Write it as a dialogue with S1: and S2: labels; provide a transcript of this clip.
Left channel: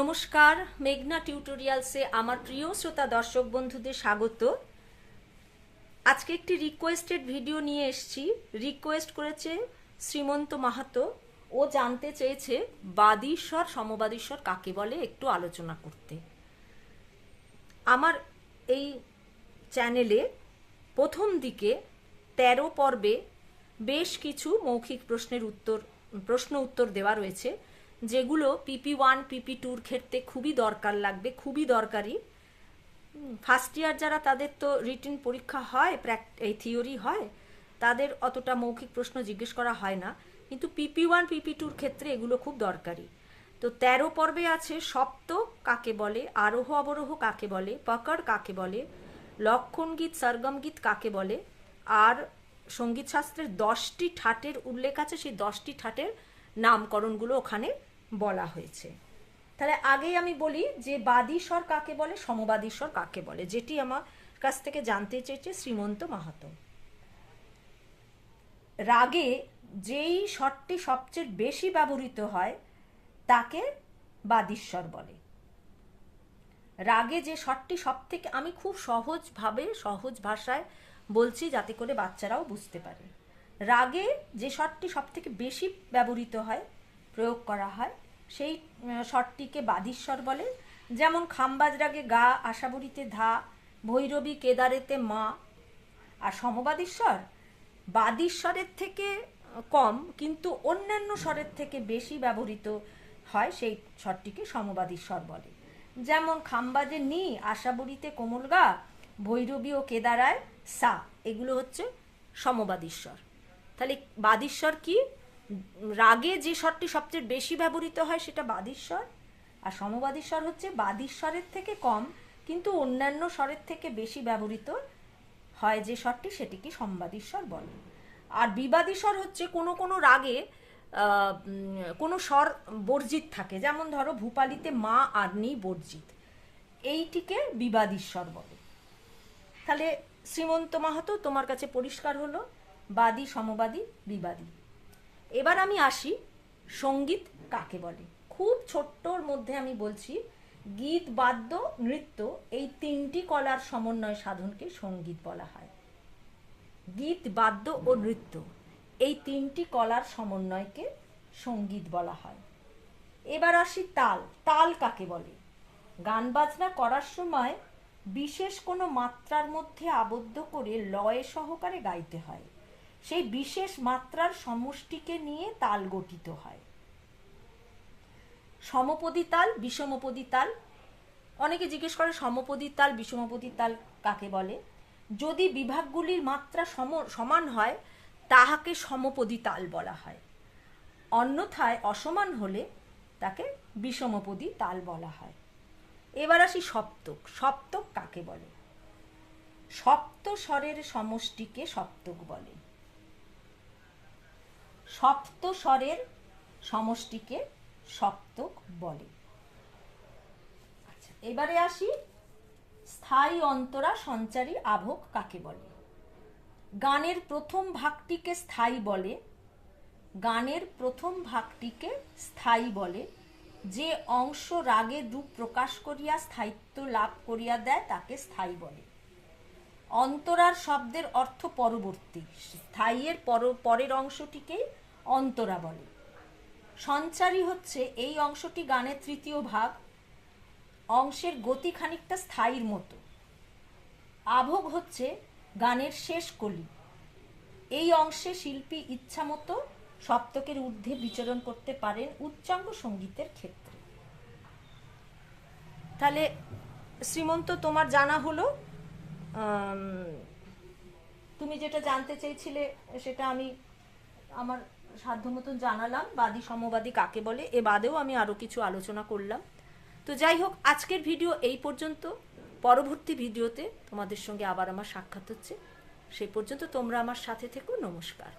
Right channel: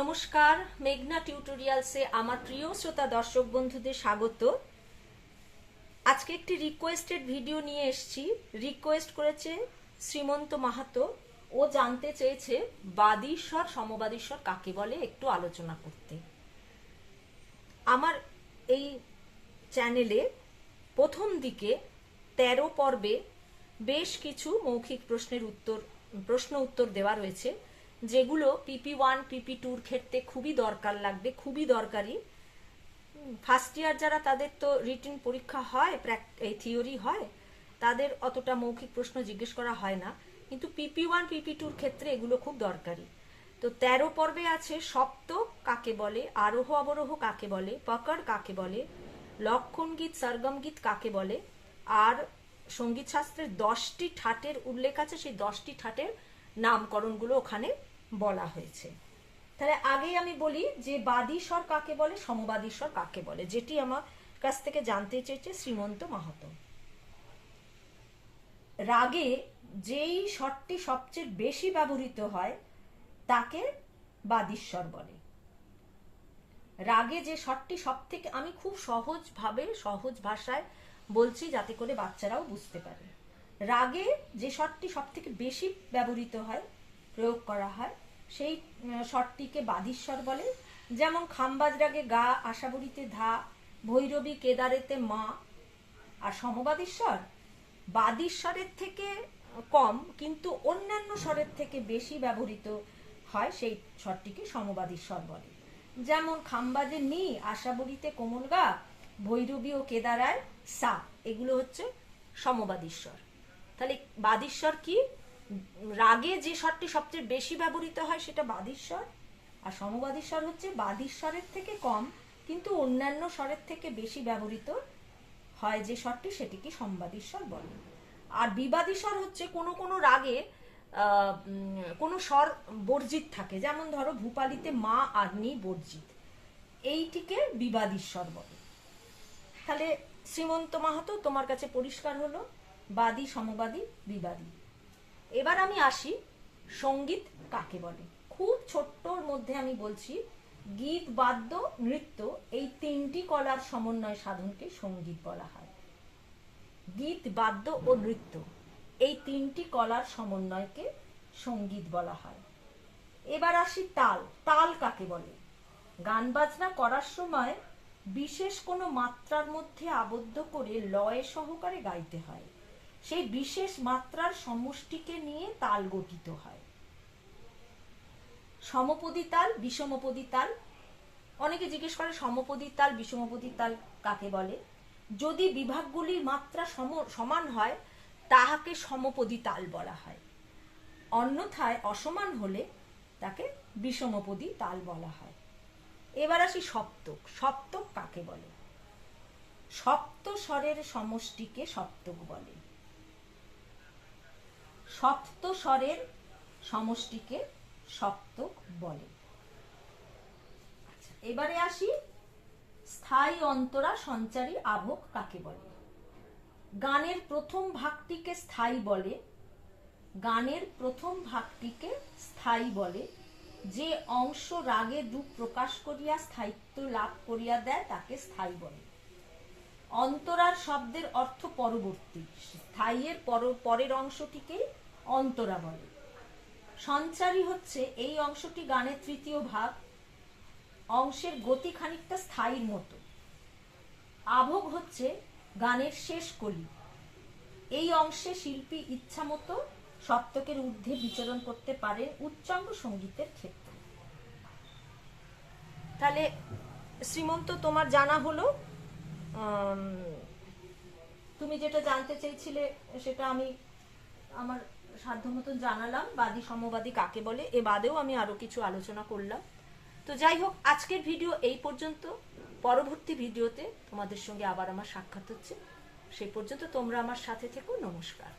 S1: নমস্কার, মেঘনা টিউটোরিয়ালসে আমার প্রিয় শ্রোতা দর্শক বন্ধুদের স্বাগত। আজকে একটি রিকোয়েস্টেড ভিডিও নিয়ে এসেছি। রিকোয়েস্ট করেছে শ্রীমন্ত মাহাতো। ও জানতে চেয়েছে বাদীশ্বর, সমবাদীশ্বর কাকে বলে একটু আলোচনা করতে। আমার এই চ্যানেলে প্রথম দিকে তেরো পর্বে বেশ কিছু মৌখিক প্রশ্নের উত্তর, প্রশ্ন উত্তর দেওয়া রয়েছে। যেগুলো পিপি ওয়ান পিপি টুর ক্ষেত্রে খুবই দরকার লাগবে, খুবই দরকারি। ফার্স্ট ইয়ার যারা তাদের তো রিটিন পরীক্ষা হয় এই থিওরি হয়, তাদের অতটা মৌখিক প্রশ্ন জিজ্ঞেস করা হয় না। কিন্তু পিপি ওয়ান পিপি টুর ক্ষেত্রে এগুলো খুব দরকারি। তো তেরো পর্বে আছে, সপ্ত কাকে বলে, আরোহ অবরোহ কাকে বলে, পকড় কাকে বলে লক্ষণ গীত সরগম গীত কাকে বলে, আর সংগীত শাস্ত্রের দশটি ঠাটের উল্লেখ আছে, সেই দশটি ঠাটের নামকরণগুলো ওখানে বলা হয়েছে। তাহলে আগেই আমি বলি যে বাদীশ্বর কাকে বলে, সমবাদীশ্বর কাকে বলে, যেটি আমার কাছ থেকে জানতে চেয়েছে শ্রীমন্ত মাহাতো। রাগে যেই স্বরটি সবচেয়ে বেশি ব্যবহৃত হয়, তাকে বাদীশ্বর বলে। রাগে যে স্বরটি সব থেকে আমি খুব সহজভাবে, সহজ ভাষায় বলছি যাতে করে বাচ্চারাও বুঝতে পারে। রাগে যে স্বরটি সব থেকে বেশি ব্যবহৃত হয়, প্রয়োগ করা হয় সেই স্বরটিকে বাদীশ্বর বলে। যেমন খাম্বাজ রাগে গা আশাবরীতে ধা, ভৈরবী কেদারেতে মা। আর সমবাদীশ্বর? বাদীশ্বরের থেকে কম, কিন্তু অন্যান্য স্বরের থেকে বেশি ব্যবহৃত হয় সেই স্বরটিকে সমবাদীশ্বর বলে। যেমন খাম্বাজে নি আশাবরীতে কোমল গা, ভৈরবী ও কেদারায় সা। এগুলো হচ্ছে সমবাদীশ্বর। তাহলে বাদীশ্বর কি? রাগে যে স্বরটি সবচেয়ে বেশি ব্যবহৃত হয় সেটা বাদীশ্বর। আর সমবাদী স্বর হচ্ছে বাদীশ্বরের থেকে কম, কিন্তু অন্যান্য স্বরের থেকে বেশি ব্যবহৃত হয় যে স্বরটি, সেটিকে সম্বাদীশ্বর বলে। আর বিবাদী স্বর হচ্ছে কোনো কোনো রাগে কোনো স্বর বর্জিত থাকে। যেমন ধরো, ভূপালিতে মা আর নি বর্জিত। এইটিকে বিবাদী স্বর বলে। তাহলে শ্রীমন্ত মাহাতো, তোমার কাছে পরিষ্কার হলো, বাদী, সমবাদী, বিবাদী। এবার আমি আসি সংগীত কাকে বলে। খুব ছোট্টর মধ্যে আমি বলছি, গীত, বাদ্য, নৃত্য এই তিনটি কলার সমন্বয় সাধনকে সংগীত বলা হয়। গীত, বাদ্য ও নৃত্য এই তিনটি কলার সমন্বয়কে সংগীত বলা হয়। এবার আসি তাল। তাল কাকে বলে? গান বাজনা করার সময় বিশেষ কোনো মাত্রার মধ্যে আবদ্ধ করে লয়ে সহকারে গাইতে হয়। সেই বিশেষ মাত্রার সমষ্টিকে নিয়ে তাল গঠিত হয়। সমপদী তাল, বিষমপদী তাল। অনেকে জিজ্ঞেস করে সমপদী তাল, বিষমপদী তাল কাকে বলে? যদি বিভাগগুলির মাত্রা সম- সমান হয়, তাহাকে সমপদী তাল বলা হয়। অন্যথায় অসমান হলে তাকে বিষমপদী তাল বলা হয়। এবার আসি সপ্তক। সপ্তক কাকে বলে? সপ্ত স্বরের সমষ্টিকে সপ্তক বলে। সপ্ত স্বরের সমষ্টিকে সপ্তক বলে। আচ্ছা, এবারে আসি। স্থায়ী অন্তরা সঞ্চারী আভোগ কাকে বলে? গানের প্রথম ভাগটিকে স্থায়ী বলে গানের প্রথম ভাগটিকে স্থায়ী বলে যে অংশ রাগের রূপ প্রকাশ করিয়া স্থায়িত্ব লাভ করিয়া দেয় তাকে স্থায়ী বলে। অন্তরার শব্দের অর্থ পরবর্তী। স্থায়ীর পর- পরের অংশটিকে অন্তরা বলে। সঞ্চারী হচ্ছে এই অংশটি গানের তৃতীয় ভাগ। অংশের গতি খানিকটা স্থায়ীর মতো। আভোগ হচ্ছে গানের শেষ কলি। এই অংশে শিল্পী ইচ্ছা মতো সপ্তকের ঊর্ধ্বে বিচরণ করতে পারেন উচ্চাঙ্গ সঙ্গীতের ক্ষেত্রে। তাহলে, শ্রীমন্ত, তোমার জানা হলো তুমি যেটা জানতে চেয়েছিলে, সেটা আমি আমার সাধ্য মতন জানালাম, বাদী সমবাদী কাকে বলে, এ বাদেও আমি আরও কিছু আলোচনা করলাম। তো যাই হোক, আজকের ভিডিও এই পর্যন্ত। পরবর্তী ভিডিওতে তোমাদের সঙ্গে আবার আমার সাক্ষাৎ হচ্ছে। সেই পর্যন্ত তোমরা আমার সাথে থেকো, নমস্কার।